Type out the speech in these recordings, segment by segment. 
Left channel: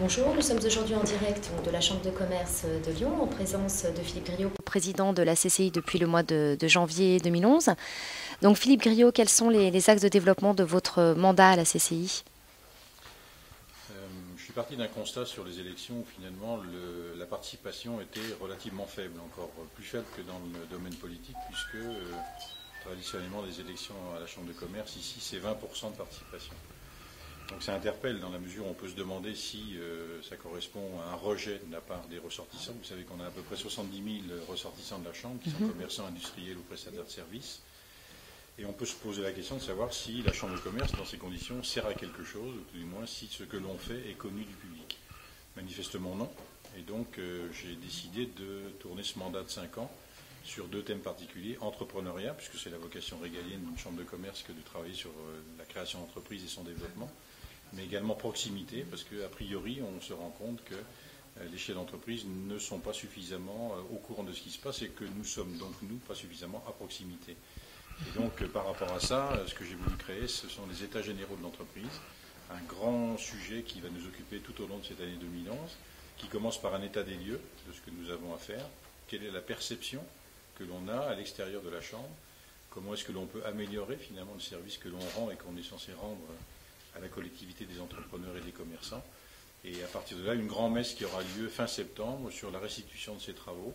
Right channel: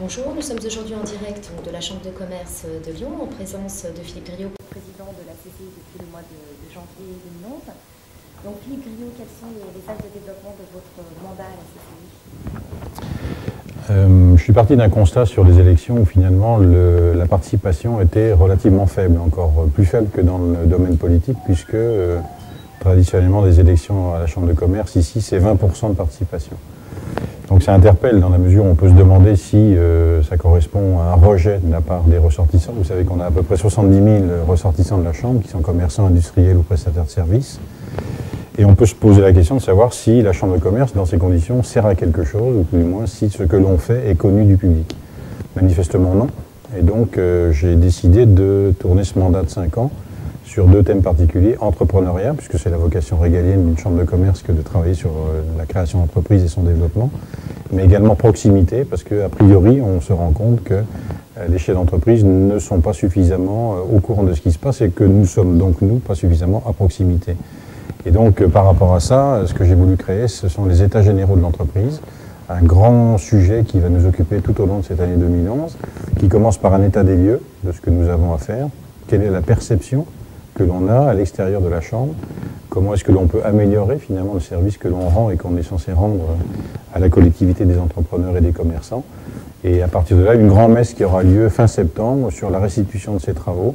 Bonjour, nous sommes aujourd'hui en direct de la Chambre de commerce de Lyon en présence de Philippe Griot, président de la CCI depuis le mois de janvier 2011. Donc Philippe Griot, quels sont les axes de développement de votre mandat à la CCI? Je suis parti d'un constat sur les élections où finalement la participation était relativement faible, encore plus faible que dans le domaine politique, puisque traditionnellement des élections à la Chambre de commerce, ici c'est 20% de participation. Donc ça interpelle dans la mesure où on peut se demander si ça correspond à un rejet de la part des ressortissants. Vous savez qu'on a à peu près 70 000 ressortissants de la Chambre qui sont commerçants, industriels ou prestataires de services. Et on peut se poser la question de savoir si la Chambre de commerce, dans ces conditions, sert à quelque chose, ou tout du moins si ce que l'on fait est connu du public. Manifestement non. Et donc j'ai décidé de tourner ce mandat de 5 ans sur 2 thèmes particuliers. Entrepreneuriat, puisque c'est la vocation régalienne d'une Chambre de commerce que de travailler sur la création d'entreprise et son développement. Mais également proximité, parce qu'a priori, on se rend compte que les chefs d'entreprise ne sont pas suffisamment au courant de ce qui se passe et que nous sommes donc, nous, pas suffisamment à proximité. Et donc, par rapport à ça, ce que j'ai voulu créer, ce sont les états généraux de l'entreprise, un grand sujet qui va nous occuper tout au long de cette année 2011, qui commence par un état des lieux de ce que nous avons à faire, quelle est la perception que l'on a à l'extérieur de la Chambre, comment est-ce que l'on peut améliorer finalement le service que l'on rend et qu'on est censé rendre à la collectivité des entrepreneurs et des commerçants. Et à partir de là, une grande messe qui aura lieu fin septembre sur la restitution de ces travaux,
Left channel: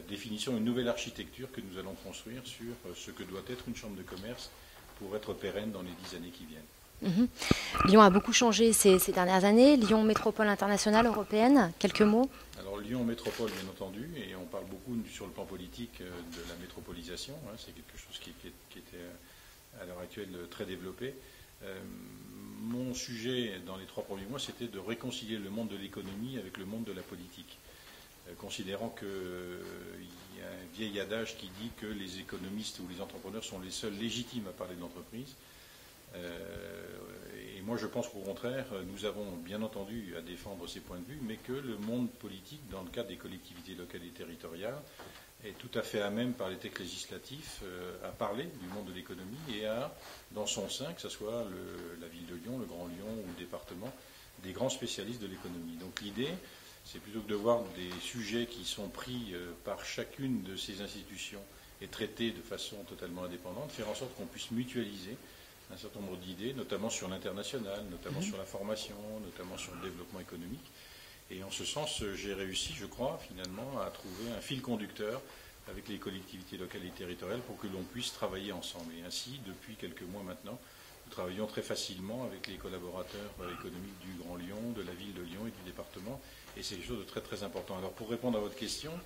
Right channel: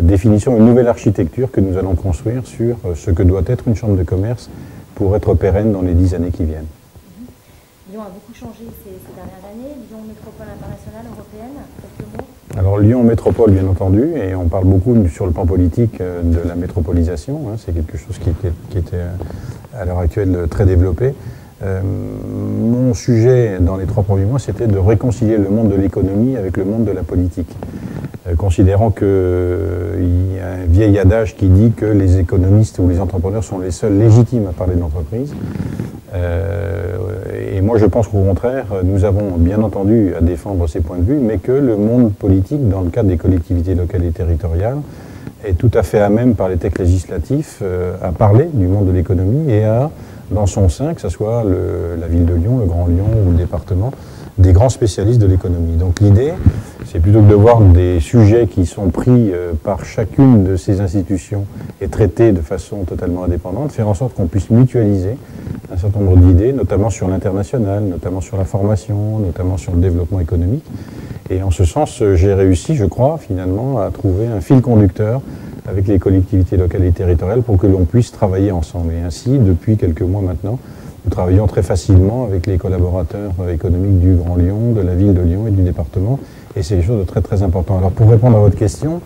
définition d'une nouvelle architecture que nous allons construire sur ce que doit être une chambre de commerce pour être pérenne dans les 10 années qui viennent. Lyon a beaucoup changé ces dernières années. Lyon métropole internationale européenne, quelques mots? Alors Lyon métropole bien entendu, et on parle beaucoup sur le plan politique de la métropolisation, hein, c'est quelque chose qui était à l'heure actuelle très développé. Mon sujet dans les 3 premiers mois, c'était de réconcilier le monde de l'économie avec le monde de la politique, considérant qu'il y a un vieil adage qui dit que les économistes ou les entrepreneurs sont les seuls légitimes à parler d'entreprise. Et moi je pense qu'au contraire, nous avons bien entendu à défendre ces points de vue, mais que le monde politique, dans le cadre des collectivités locales et territoriales, est tout à fait à même par les textes législatifs à parler du monde de l'économie et à, dans son sein, que ce soit la ville de Lyon, le Grand Lyon ou le département, des grands spécialistes de l'économie. Donc l'idée, c'est plutôt que de voir des sujets qui sont pris par chacune de ces institutions et traités de façon totalement indépendante, faire en sorte qu'on puisse mutualiser un certain nombre d'idées, notamment sur l'international, notamment sur la formation, notamment sur le développement économique. Et en ce sens, j'ai réussi, je crois, finalement, à trouver un fil conducteur avec les collectivités locales et territoriales pour que l'on puisse travailler ensemble. Et ainsi, depuis quelques mois maintenant, nous travaillons très facilement avec les collaborateurs économiques du Grand Lyon, de la ville de Lyon et du département. Et c'est quelque chose de très très important. Alors pour répondre à votre question,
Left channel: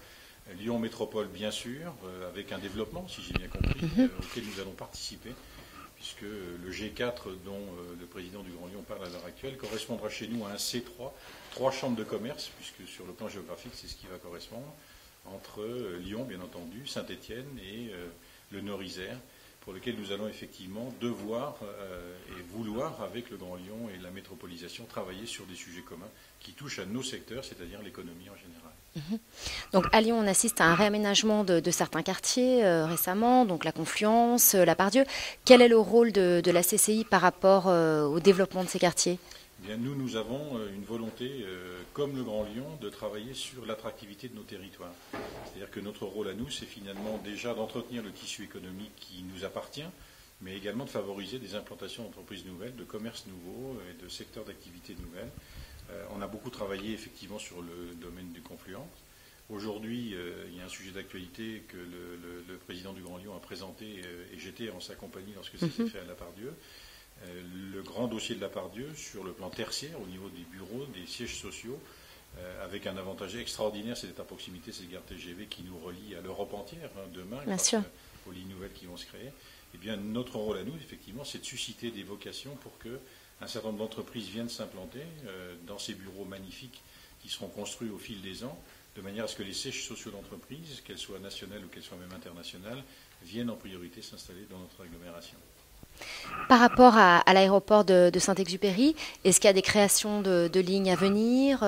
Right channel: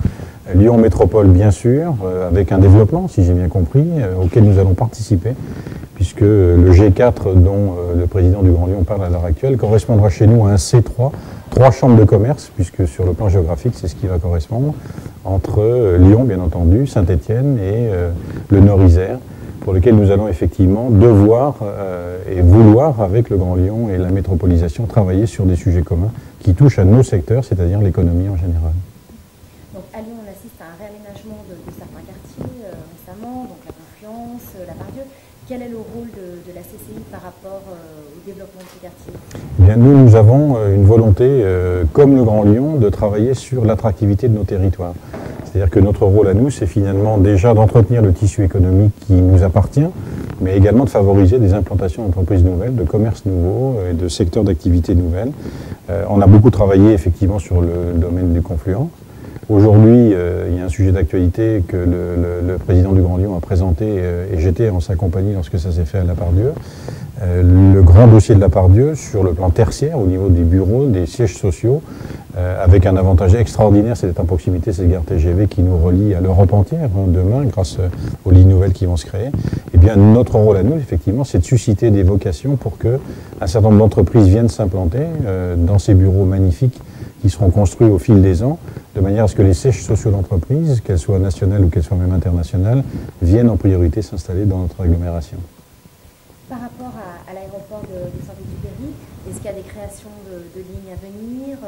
Lyon Métropole bien sûr, avec un développement, si j'ai bien compris, auquel nous allons participer, puisque le G4 dont le président du Grand Lyon parle à l'heure actuelle correspondra chez nous à un C3, 3 chambres de commerce, puisque sur le plan géographique c'est ce qui va correspondre, entre Lyon bien entendu, Saint-Étienne et le Nord-Isère, pour lequel nous allons effectivement devoir et vouloir, avec le Grand Lyon et la métropolisation, travailler sur des sujets communs qui touchent à nos secteurs, c'est-à-dire l'économie en général. Donc à Lyon, on assiste à un réaménagement de certains quartiers récemment, donc la Confluence, la Part-Dieu. Quel est le rôle de la CCI par rapport au développement de ces quartiers? Eh bien, nous avons une volonté, comme le Grand Lyon, de travailler sur l'attractivité de nos territoires. C'est-à-dire que notre rôle à nous, c'est finalement déjà d'entretenir le tissu économique qui nous appartient, mais également de favoriser des implantations d'entreprises nouvelles, de commerces nouveaux et de secteurs d'activité nouvelles. On a beaucoup travaillé effectivement sur le domaine du Confluent. Aujourd'hui, il y a un sujet d'actualité que le président du Grand Lyon a présenté et j'étais en sa compagnie lorsque ça s'est fait à la Part-Dieu. Le grand dossier de la Part-Dieu sur le plan tertiaire, au niveau des bureaux, des sièges sociaux, avec un avantage extraordinaire, c'est d'être en proximité, c'est le gare TGV qui nous relie à l'Europe entière demain, grâce aux lignes nouvelles qui vont se créer. Eh bien, notre rôle à nous, effectivement, c'est de susciter des vocations pour qu'un certain nombre d'entreprises viennent s'implanter dans ces bureaux magnifiques qui seront construits au fil des ans, de manière à ce que les sièges sociaux d'entreprise, qu'elles soient nationales ou qu'elles soient même internationales, viennent en priorité s'installer dans notre agglomération. Par rapport à l'aéroport de Saint-Exupéry, est-ce qu'il y a des créations de lignes à venir?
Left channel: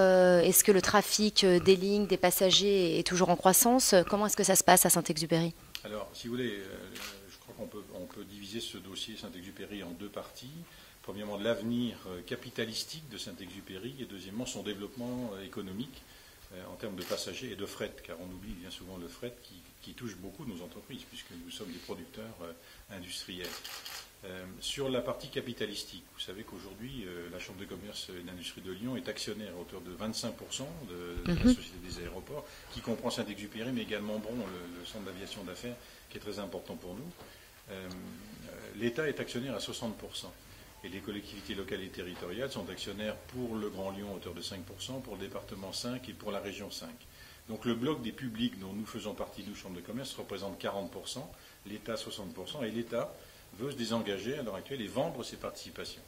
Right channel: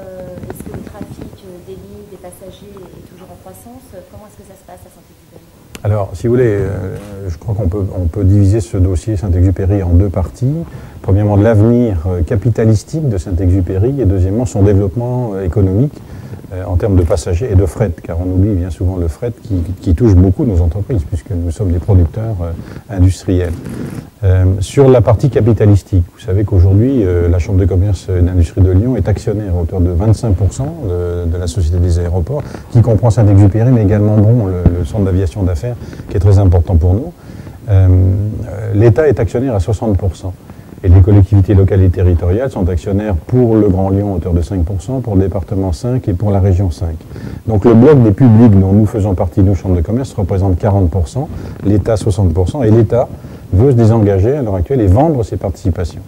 Est-ce que le trafic des lignes, des passagers est toujours en croissance? Comment est-ce que ça se passe à Saint-Exupéry? Alors, si vous voulez, je crois qu'on peut diviser ce dossier Saint-Exupéry en deux parties. Premièrement, l'avenir capitalistique de Saint-Exupéry et deuxièmement, son développement économique en termes de passagers et de fret, car on oublie bien souvent le fret qui touche beaucoup nos entreprises, puisque nous sommes des producteurs industriels. Sur la partie capitalistique, vous savez qu'aujourd'hui, la Chambre de commerce et d'industrie de Lyon est actionnaire à hauteur de 25% de la Société des aéroports, qui comprend Saint-Exupéry, mais également Bron, le centre d'aviation d'affaires, qui est très important pour nous. L'État est actionnaire à 60%. Et les collectivités locales et territoriales sont actionnaires pour le Grand Lyon à hauteur de 5%, pour le département 5% et pour la région 5%. Donc le bloc des publics dont nous faisons partie, nous, Chambre de commerce, représente 40%, l'État 60%, et l'État veut se désengager à l'heure actuelle et vendre ses participations.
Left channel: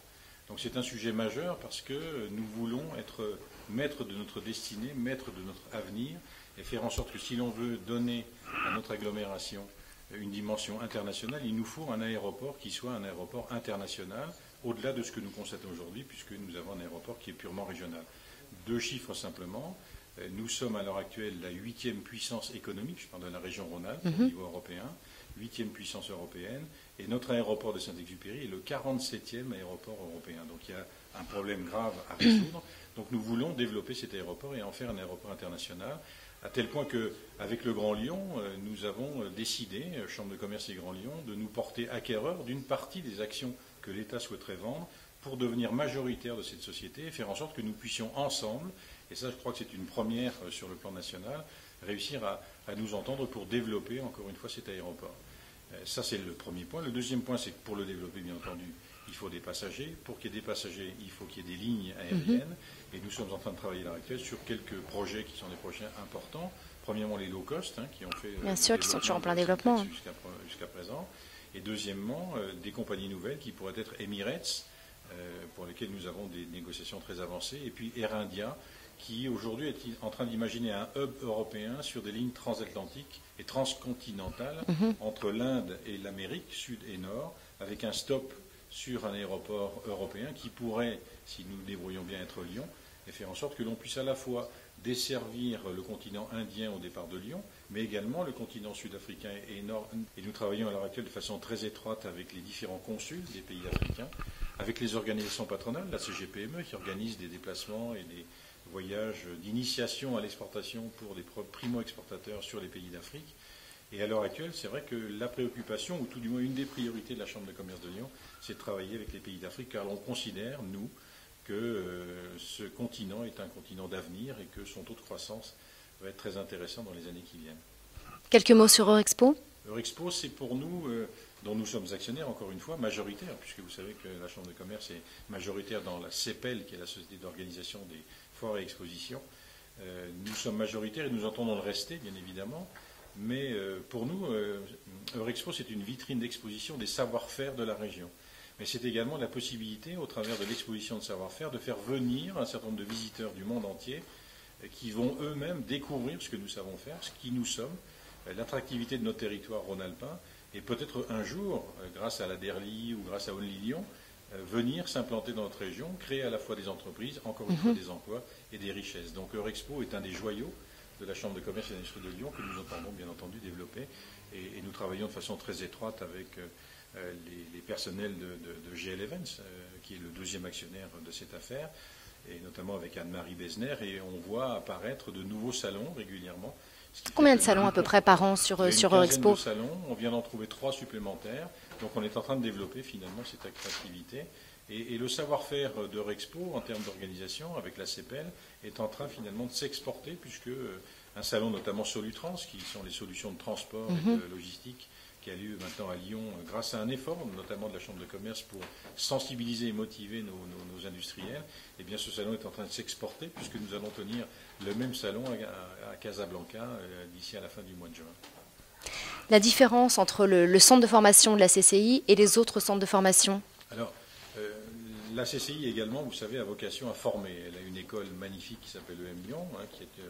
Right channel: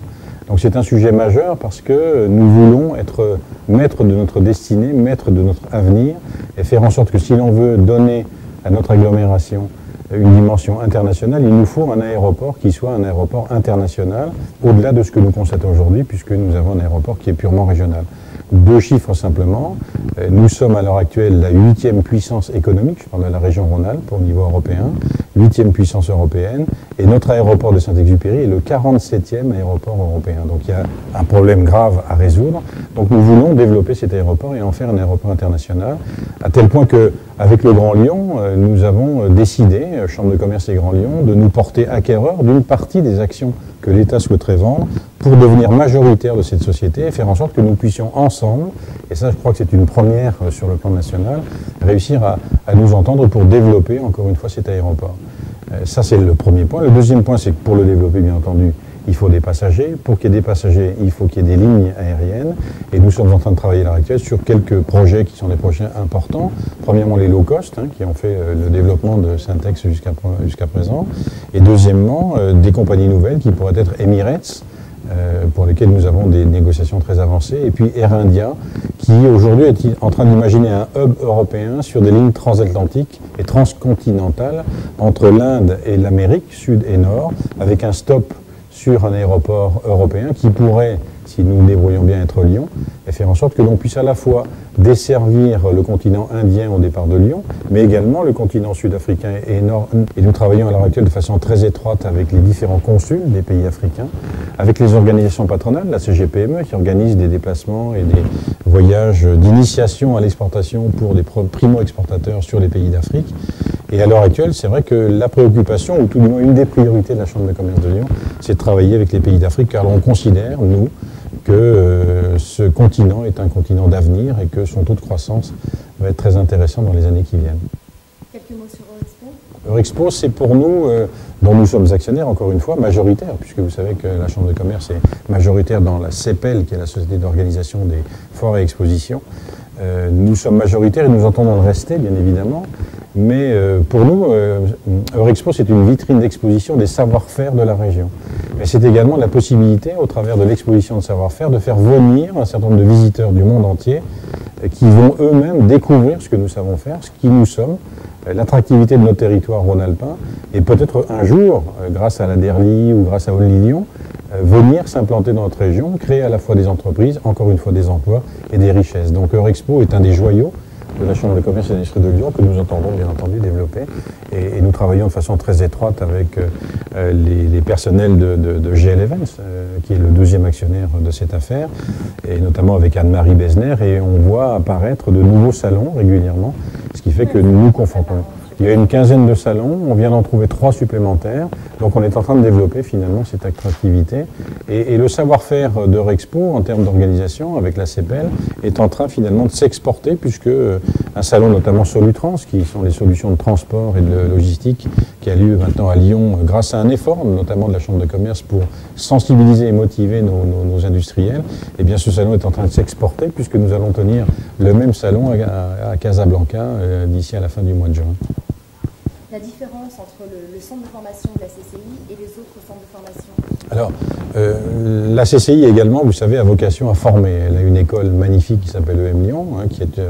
Donc c'est un sujet majeur parce que nous voulons être maîtres de notre destinée, maîtres de notre avenir, et faire en sorte que si l'on veut donner à notre agglomération une dimension internationale, il nous faut un aéroport qui soit un aéroport international, au-delà de ce que nous constatons aujourd'hui, puisque nous avons un aéroport qui est purement régional. Deux chiffres simplement, nous sommes à l'heure actuelle la 8e puissance économique, je parle de la région Rhône-Alpes au niveau européen, 8e puissance européenne, et notre aéroport de Saint-Exupéry est le 47e aéroport européen. Donc il y a un problème grave à résoudre. Donc nous voulons développer cet aéroport et en faire un aéroport international, à tel point qu'avec le Grand Lyon, nous avons décidé, Chambre de commerce et Grand Lyon, de nous porter acquéreurs d'une partie des actions que l'État souhaiterait vendre pour devenir majoritaire de cette société et faire en sorte que nous puissions ensemble, et ça je crois que c'est une première sur le plan national, réussir à nous entendre pour développer encore une fois cet aéroport. Ça c'est le premier point. Le deuxième point, c'est que pour le développer bien entendu, il faut des passagers. Pour qu'il y ait des passagers, il faut qu'il y ait des lignes aériennes. Et nous sommes en train de travailler à l'heure actuelle sur quelques projets qui sont des projets importants. Premièrement, les low cost, qui ont fait le développement de Syntex jusqu'à présent. Et deuxièmement, des compagnies nouvelles qui pourraient être Emirates, pour lesquelles nous avons des négociations très avancées. Et puis Air India, qui aujourd'hui est en train d'imaginer un hub européen sur des lignes transatlantiques et transcontinentales entre l'Inde et l'Amérique, sud et nord, avec un stop sur un aéroport européen qui pourrait, si nous nous débrouillons bien, être Lyon, et faire en sorte que l'on puisse à la fois desservir le continent indien au départ de Lyon, mais également le continent sud-africain et nord. Et nous travaillons à l'heure actuelle de façon très étroite avec les différents consuls des pays africains, avec les organisations patronales, la CGPME, qui organise des déplacements et des voyages d'initiation à l'exportation pour des primo-exportateurs sur les pays d'Afrique. Et à l'heure actuelle, c'est vrai que la préoccupation, ou tout du moins une des priorités de la Chambre de commerce de Lyon, c'est de travailler avec les pays d'Afrique, car on considère, nous, que ce continent est un continent d'avenir et que son taux de croissance va être très intéressant dans les années qui viennent. Quelques mots sur Eurexpo ? Eurexpo, c'est pour nous, dont nous sommes actionnaires, encore une fois, majoritaires, puisque vous savez que la Chambre de commerce est majoritaire dans la CEPEL, qui est la Société d'organisation des foires et expositions. Nous sommes majoritaires et nous entendons le rester, bien évidemment. Mais pour nous, Eurexpo, c'est une vitrine d'exposition des savoir-faire de la région. Mais c'est également la possibilité, au travers de l'exposition de savoir-faire, de faire venir un certain nombre de visiteurs du monde entier qui vont eux-mêmes découvrir ce que nous savons faire, ce qui nous sommes, l'attractivité de nos territoires rhône-alpins, et peut-être un jour, grâce à la DERLI ou grâce à Only Lyon, venir s'implanter dans notre région, créer à la fois des entreprises, encore une fois des emplois et des richesses. Donc Eurexpo est un des joyaux de la Chambre de commerce et d'industrie de Lyon que nous entendons bien entendu développer et nous travaillons de façon très étroite avec les personnels de GL Events qui est le deuxième actionnaire de cette affaire et notamment avec Anne-Marie Besner et on voit apparaître de nouveaux salons régulièrement, ce qui fait que nous nous confrontons. Il y a une quinzaine de salons, on vient d'en trouver 3 supplémentaires, donc on est en train de développer finalement cette attractivité et le savoir-faire d'Eurexpo en termes d'organisation avec la CEPEL est en train finalement de s'exporter puisque un salon notamment Solutrans, qui sont les solutions de transport et de logistique, qui a lieu maintenant à Lyon grâce à un effort, notamment de la Chambre de commerce, pour sensibiliser et motiver nos industriels. Et bien ce salon est en train de s'exporter, puisque nous allons tenir le même salon à Casablanca d'ici à la fin du mois de juin. La différence entre le centre de formation de la CCI et les autres centres de formation? Alors, la CCI également, vous savez, a vocation à former. Elle a une école magnifique qui s'appelle EM Lyon, qui est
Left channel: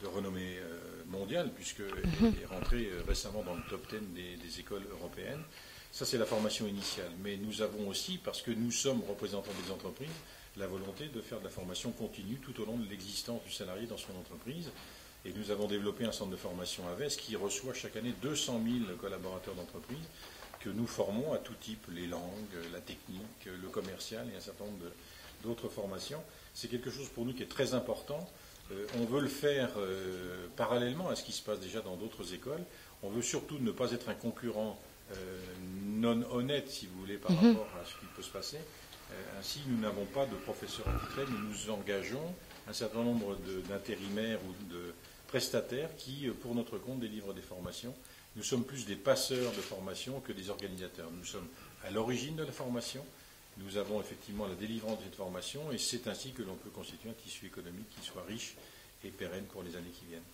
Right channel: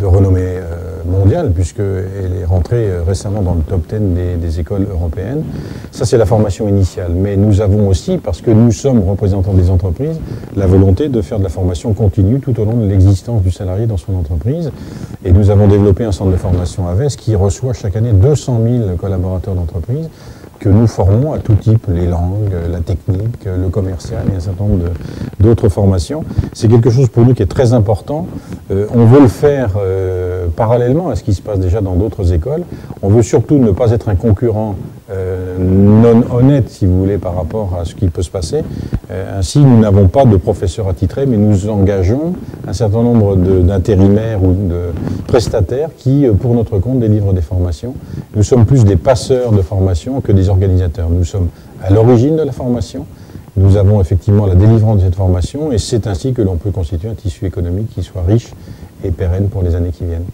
de renommée mondiale, puisqu'elle est rentrée récemment dans le top 10 des écoles européennes. Ça, c'est la formation initiale. Mais nous avons aussi, parce que nous sommes représentants des entreprises, la volonté de faire de la formation continue tout au long de l'existence du salarié dans son entreprise. Et nous avons développé un centre de formation AVES qui reçoit chaque année 200 000 collaborateurs d'entreprise que nous formons à tout type, les langues, la technique, le commercial et un certain nombre d'autres formations. C'est quelque chose pour nous qui est très important. On veut le faire parallèlement à ce qui se passe déjà dans d'autres écoles. On veut surtout ne pas être un concurrent non honnête, si vous voulez, par rapport à ce qui peut se passer. Ainsi, nous n'avons pas de professeurs attitrés, mais nous engageons un certain nombre d'intérimaires ou de prestataires qui, pour notre compte, délivrent des formations. Nous sommes plus des passeurs de formation que des organisateurs. Nous sommes à l'origine de la formation. Nous avons effectivement la délivrance de cette formation et c'est ainsi que l'on peut constituer un tissu économique qui soit riche et pérenne pour les années qui viennent.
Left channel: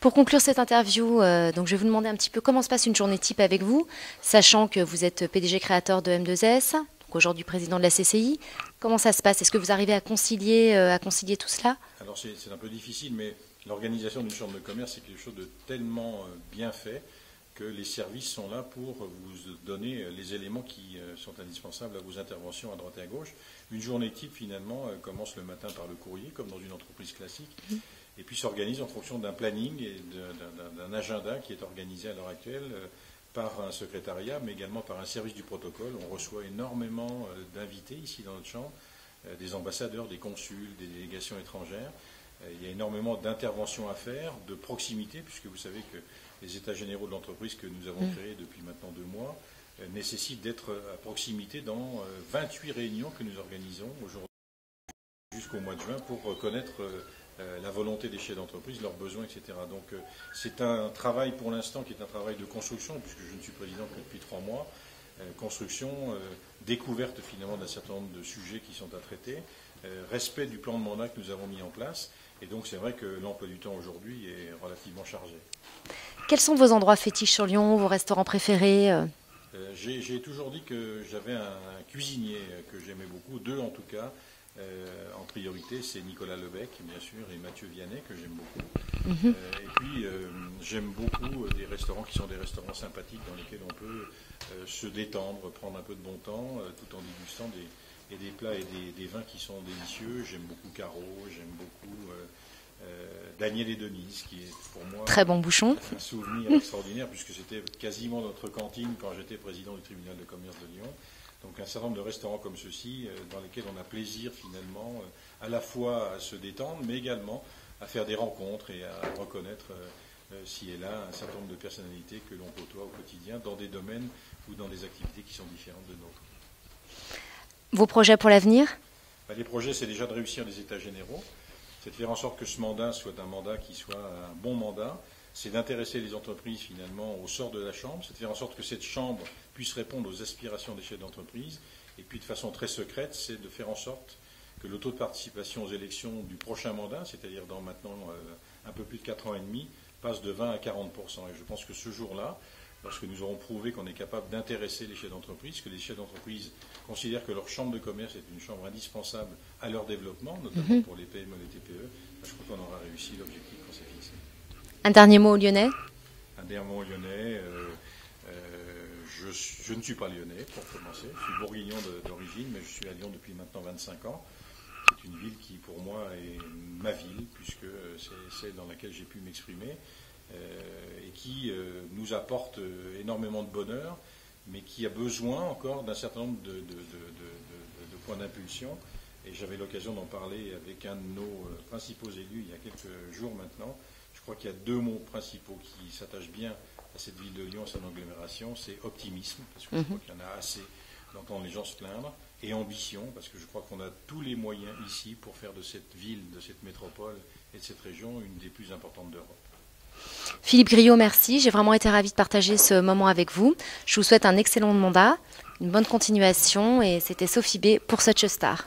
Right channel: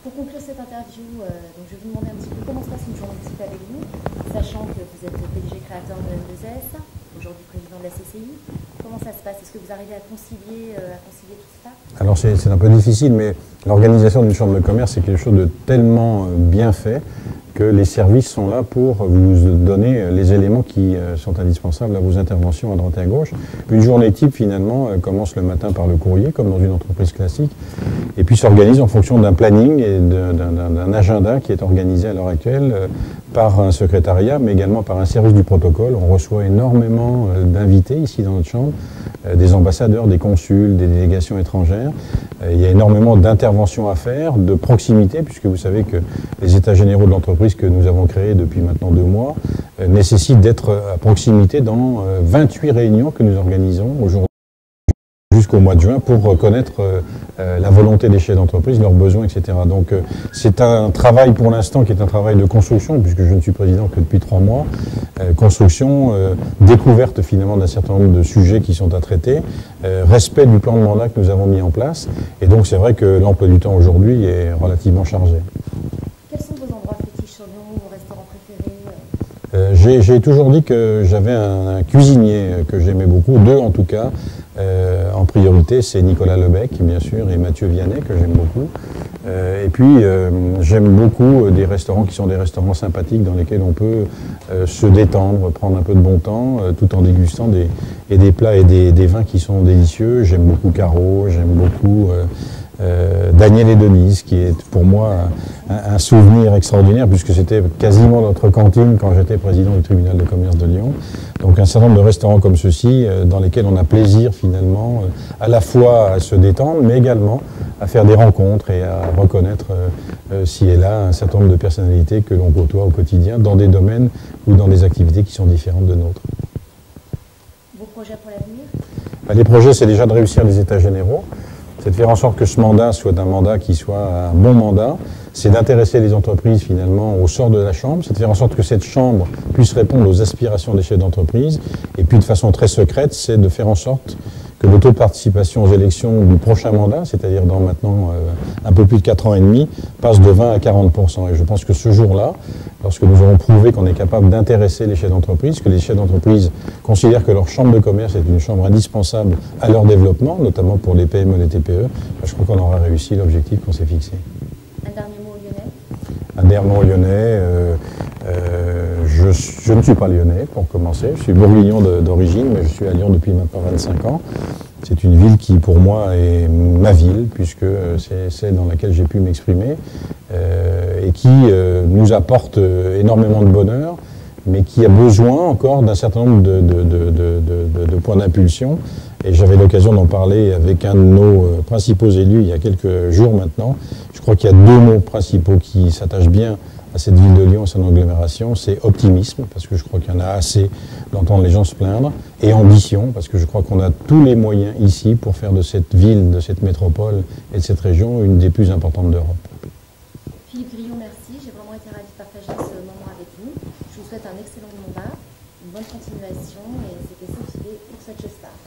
Pour conclure cette interview, donc je vais vous demander un petit peu comment se passe une journée type avec vous, sachant que vous êtes PDG créateur de M2S, aujourd'hui président de la CCI. Comment ça se passe? Est-ce que vous arrivez à concilier tout cela? Alors c'est un peu difficile, mais l'organisation d'une chambre de commerce, c'est quelque chose de tellement bien fait que les services sont là pour vous donner les éléments qui sont indispensables à vos interventions à droite et à gauche. Une journée type, finalement, commence le matin par le courrier, comme dans une entreprise classique, et puis s'organise en fonction d'un planning et d'un agenda qui est organisé à l'heure actuelle par un secrétariat, mais également par un service du protocole. On reçoit énormément d'invités ici dans notre chambre, des ambassadeurs, des consuls, des délégations étrangères. Il y a énormément d'interventions à faire, de proximité, puisque vous savez que les états généraux de l'entreprise que nous avons créés depuis maintenant 2 mois nécessitent d'être à proximité dans 28 réunions que nous organisons aujourd'hui jusqu'au mois de juin pour connaître la volonté des chefs d'entreprise, leurs besoins, etc. Donc c'est un travail pour l'instant qui est un travail de construction, puisque je ne suis président que depuis 3 mois. Construction, découverte finalement d'un certain nombre de sujets qui sont à traiter, respect du plan de mandat que nous avons mis en place. Et donc c'est vrai que l'emploi du temps aujourd'hui est relativement chargé. Quels sont vos endroits fétiches sur Lyon, vos restaurants préférés? J'ai toujours dit que j'avais un cuisinier que j'aimais beaucoup, 2 en tout cas. En priorité, c'est Nicolas Lebec, bien sûr, et Mathieu Vianney, que j'aime beaucoup. Et puis, j'aime beaucoup des restaurants qui sont des restaurants sympathiques dans lesquels on peut se détendre, prendre un peu de bon temps, tout en dégustant des plats et des vins qui sont délicieux. J'aime beaucoup Caro, j'aime beaucoup Daniel et Denise, qui est pour moi un souvenir extraordinaire, puisque c'était quasiment notre cantine quand j'étais président du tribunal de commerce de Lyon. Donc un certain nombre de restaurants comme ceux-ci, dans lesquels on a plaisir finalement, à la fois à se détendre, mais également à faire des rencontres et à reconnaître ci et là un certain nombre de personnalités que l'on côtoie au quotidien dans des domaines ou dans des activités qui sont différentes de nôtres. Vos projets pour l'avenir? Les projets, c'est déjà de réussir les états généraux. C'est de faire en sorte que ce mandat soit un mandat qui soit un bon mandat. C'est d'intéresser les entreprises finalement au sort de la Chambre. C'est de faire en sorte que cette Chambre puisse répondre aux aspirations des chefs d'entreprise. Et puis de façon très secrète, c'est de faire en sorte que le taux de participation aux élections du prochain mandat, c'est-à-dire dans maintenant un peu plus de 4 ans et demi, passe de 20 à 40%. Et je pense que ce jour-là, lorsque nous aurons prouvé qu'on est capable d'intéresser les chefs d'entreprise, que les chefs d'entreprise considèrent que leur chambre de commerce est une chambre indispensable à leur développement, notamment pour les PME et les TPE, je crois qu'on aura réussi l'objectif qu'on s'est fixé. Un dernier mot aux Lyonnais? Un dernier mot aux Lyonnais. Je ne suis pas lyonnais, pour commencer. Je suis bourguignon d'origine, mais je suis à Lyon depuis maintenant 25 ans. C'est une ville qui, pour moi, est ma ville, puisque c'est celle dans laquelle j'ai pu m'exprimer, et qui nous apporte énormément de bonheur, mais qui a besoin encore d'un certain nombre de points d'impulsion. Et j'avais l'occasion d'en parler avec un de nos principaux élus il y a quelques jours maintenant. Je crois qu'il y a 2 mots principaux qui s'attachent bien à cette ville de Lyon, à son agglomération. C'est optimisme, parce que je crois qu'il y en a assez d'entendre les gens se plaindre, et ambition, parce que je crois qu'on a tous les moyens ici pour faire de cette ville, de cette métropole et de cette région une des plus importantes d'Europe. Philippe Griot, merci. J'ai vraiment été ravie de partager ce moment avec vous. Je vous souhaite un excellent mandat, une bonne continuation, et c'était Sophie B pour Such a Star.